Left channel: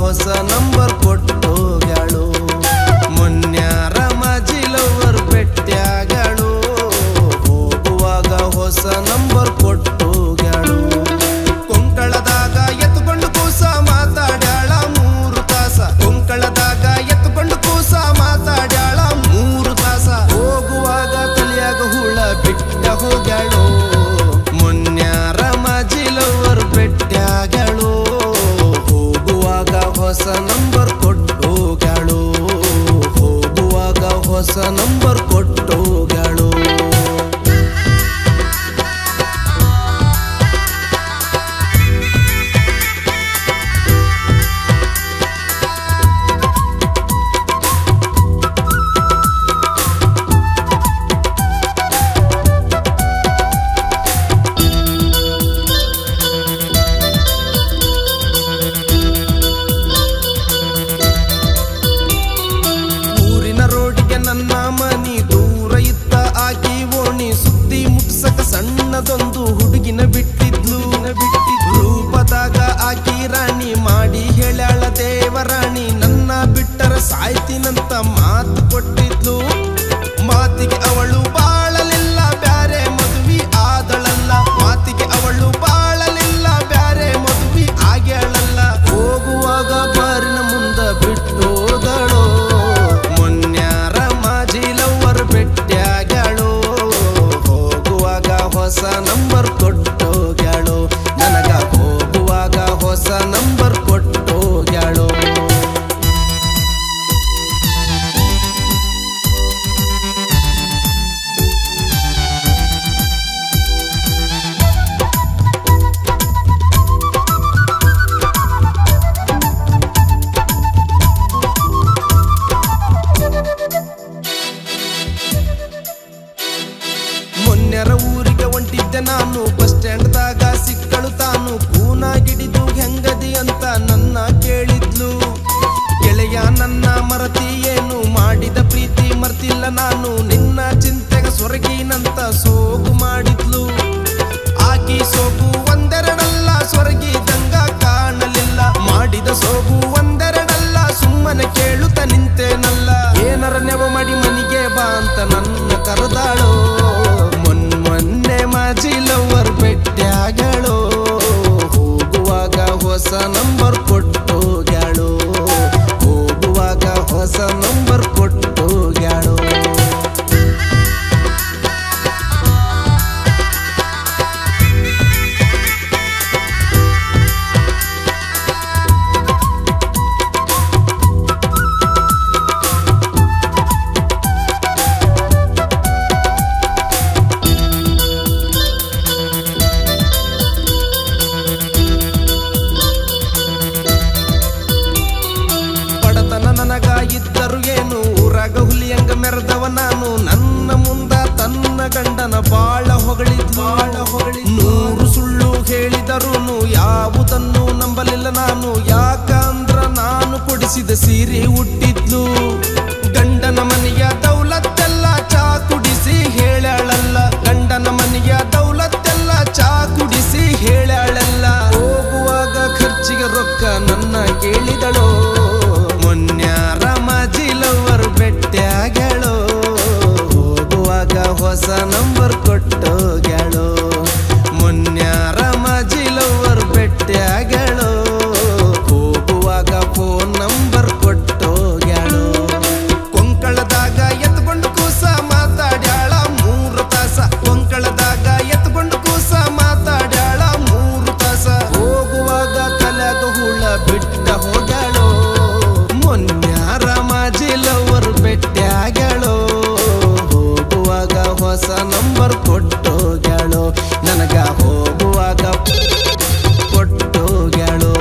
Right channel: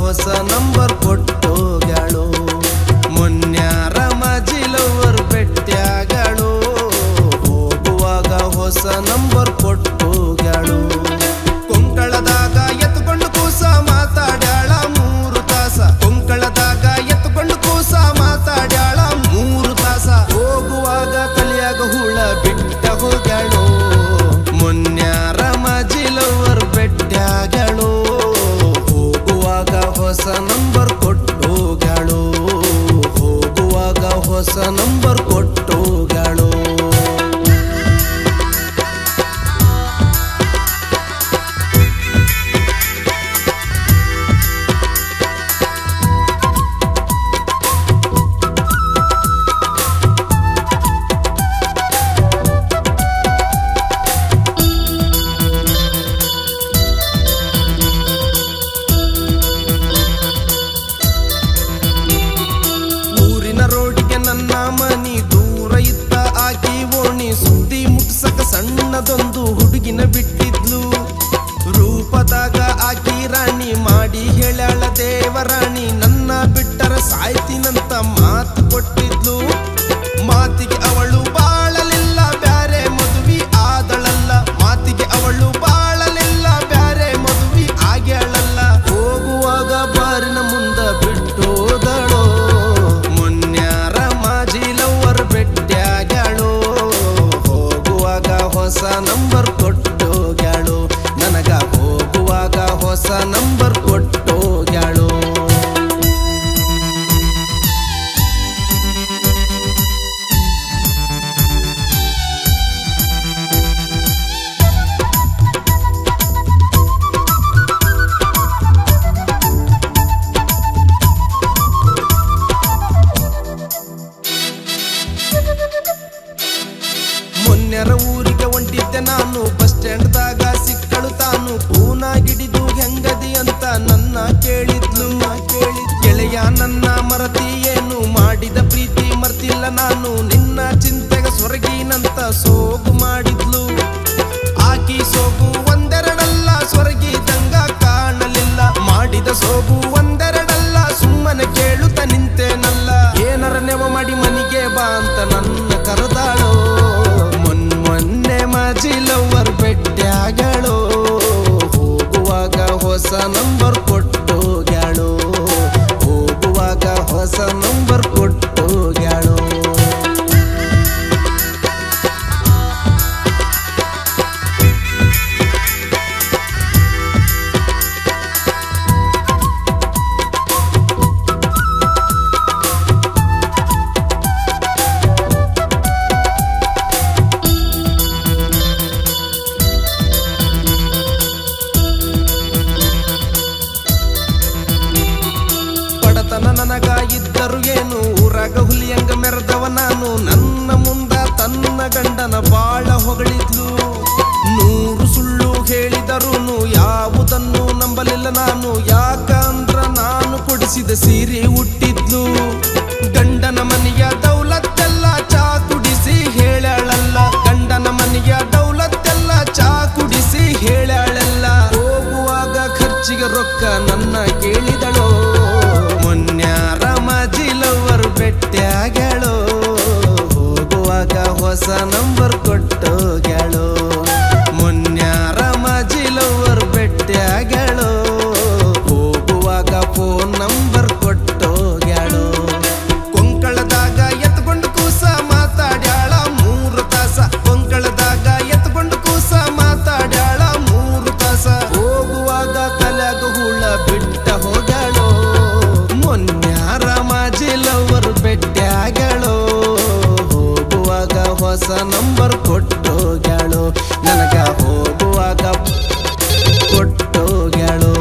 ಹೊಸ ನಂಬರ್ ಕೊಟ್ಟೋಗ್ಯಾಳು. ಮೊನ್ಯಾರ ಮಾಜಿ ಲವರ್ ಬೆಟ್ಟ್ಯಾಗಳು ಹೋಗುವಾಗ ಹೊಸ ನಂಬರ್ ಕೊಟ್ಟೋಗ್ಯಾಳು. ಕೊಂಕಳದಾಗ ಎತ್ತುಕೊಂಡು ಕೂಸ ಮಾತಾಡ್ಯಾಳ 3 ತಾಸ. ಕೊಂಕಳದಾಗ ಎತ್ತುಕೊಂಡು ಕೂಸ ಮಾತಾಡ್ಯಾಳ 3 ತಾಸ. ಹೋಗುವಾಗ ತಲೆಯಾಗ ಹುಳ ಬಿಟ್ಟ ಹೋಗ್ಯಾಳು. ಮೊನ್ಯಾರ ಮಾಜಿ ಲವರ್ ಬೆಟ್ಟ್ಯಾಗಳು ಹೋಗುವಾಗ ಹೊಸ ನಂಬರ್ ಕೊಟ್ಟೋಗ್ಯಾಳು. ಹೋಗುವಾಗ ಹೊಸ ನಂಬರ್ ಕೊಟ್ಟೋಗ್ಯಾಳು. ರೋಡಿಗೆ ನನ್ನ ಮನಿ ದೂರ ಇತ್ತ ಆಕಿ ಓಣಿ ಸುದ್ದಿ ಮುಟ್ಸಕ ಸಣ್ಣದೊಂದು ಹುಡುಗಿನ ಬಿಟ್ಟಿದ್ಲು. ರೂಪದಾಗ ಆಕಿ ರಾಣಿ ಮಾಡಿ ಹೇಳ್ಯಾಳ ದೇವರಾಣಿ ನನ್ನ ಬಿಟ್ಟರ ಸಾಯ್ತೀನಂತ ಮಾತು ಕೊಟ್ಟಿದ್ಲು. ಮಾತಿಗೆ ಅವಳು ಬಾಳಲಿಲ್ಲ ಬ್ಯಾರೆ ಮದುವೆ ಆದಳಲ್ಲ. ಮಾತಿಗೆ ಅವಳು ಬಾಳಲಿಲ್ಲ ಬ್ಯಾರೆ ಮದುವೆ ಆಗ್ಯಾಳಲ್ಲ. ಹೋಗುವಾಗ ಬಾರಿನ ಮುಂದ ಬಿಟ್ಟೋದಳೋ. ಮೊನ್ಯಾರ ಮಾಜಿ ಲವರ್ ಬೆಟ್ಟ್ಯಾಗಳು ಹೋಗುವಾಗ ಹೊಸ ನಂಬರ್ ಕೊಟ್ಟೋಗ್ಯಾಳು. ನನಗ ಹೋಗುವಾಗ ಹೊಸ ನಂಬರ್ ಕೊಟ್ಟೋಗ್ಯಾಳು. ಮೊನ್ನೆರ ಊರಿಗೆ ಹೊಂಟಿದ್ದೆ ನಾನು. ಬಸ್ ಸ್ಟ್ಯಾಂಡ್ದಾಗ ಸಿಕ್ಕಳು ತಾನು. ಕೂನಾಗಿಡಿದು ಹೆಂಗದಿ ಅಂತ ನನ್ನ ಕೇಳಿದ್ಲು. ಗೆಳೆಯ ನನ್ನ ಮರತಿ ಏನು ಮಾಡಿದ ಪ್ರೀತಿ ಮರ್ತಿಲ್ಲ ನಾನು. ನಿನ್ನ ಚಿಂತೆಗ ಸ್ವರ್ಗಿನಂತ ಸೋಗು ಮಾಡಿದ್ಲು. ಆಕಿ ಸೋಗು ಒಂದೆರಡಲ್ಲ ಸ್ವರ್ಗಿದಂಗ ಕಾಣಲಿಲ್ಲ. ಮಾಡಿದ ಸೋಗು ಒಂದೆರಡಲ್ಲ ಸುಮ್ಮನೆ ಕೇಳುತ್ತ ನಿಂತೇನಲ್ಲ. ಏನರ ನೆವ ಮಾಡಿ ಮನಿಗೆ ಬಾ ಅಂತ ನನ್ನ ಕರೆದಾಳೋ. ಮೊನ್ನೆ ಮಾಜಿ ಲವರ್ ಬೆಟ್ಟ್ಯಾಗಳು ಹೋಗುವಾಗ ಹೊಸ ನಂಬರ್ ಕೊಟ್ಟೋಗ್ಯಾಳು. ಹೋಗುವಾಗ ಹೊಸ ನಂಬರ್ ಕೊಟ್ಟೋಗ್ಯಾಳು. ನನಗ ಇದ್ದರು ಏನು ಊರಾಗ ಹುಲಿಯಂಗ ಮೆರೆದವ ನಾನು. ನನ್ನ ಮುಂದ ತನ್ನ ಗಂಡನ ಬಾಳ ಹೊಗಳಿದ್ಲು. 100 ಸುಳ್ಳು ಹೇಳಿದರುನು ಯಾವುದನ್ನು ನಂಬಲಿಲ್ಲ ನಾನು. ಯಾಕಂದ್ರ ನಾನು ಕೊಡಿಸಿದ ಸೀರೆ ಹುಟ್ಟಿದ್ಲು. ಗಂಡನ ಮನೆಯ ದೌಲತ್ತೆಲ್ಲ ಚಾ ಕುಡಿಸಿ ಹೇಳ್ಯಾಳಲ್ಲ. ಗಂಡನ ಮನೆಯ ದೌಲತ್ತೆಲ್ಲ ಚಾ ಕುಡಿಸಿ ಹೇಳ್ಯಾಳಲ್ಲ. ಹೋಗುವಾಗ ಖರ್ಚಿಗೆ ರೊಕ್ಕ ನನ್ನ ಕೇಳಿದಳೋ. ಮೊನ್ಯಾರ ಮಾಜಿ ಲವರ್ ಬೆಟ್ಟ್ಯಾಗಳು ಹೋಗುವಾಗ ಹೊಸ ನಂಬರ್ ಕೊಟ್ಟೋಗ್ಯಾಳು. ಮೊನ್ಯಾರ ಮಾಜಿ ಲವರ್ ಬೆಟ್ಟ್ಯಾಗಳು ಹೋಗುವಾಗ ಫೋನ್ ನಂಬರ್ ಕೊಟ್ಟೋಗ್ಯಾಳು. ಕೊಂಕಳದಾಗ ಎತ್ಕೊಂಡು ಕೂಸ ಮಾತಾಡ್ಯಾಳ 3 ತಾಸ. ಕೊಂಕಳದಾಗ ಎತ್ಕೊಂಡು ಕೂಸ ಮಾತಾಡ್ಯಾಳ 3 ತಾಸ. ಹೋಗುವಾಗ ತಲೆಗ ಹುಳ ಬಿಟ್ಟ ಹೋಗ್ಯಾಳು. ಮೊನ್ಯಾರ ಮಾಜಿ ಲವರ್ ಬೆಟ್ಟ್ಯಾಗಳು ಹೋಗುವಾಗ ಹೊಸ ನಂಬರ್ ಕೊಟ್ಟೋಗ್ಯಾಳು. ನನಗ ಹೋಗುವಾಗ ಕೊಟ್ಟೋಗ್ಯಾಳು.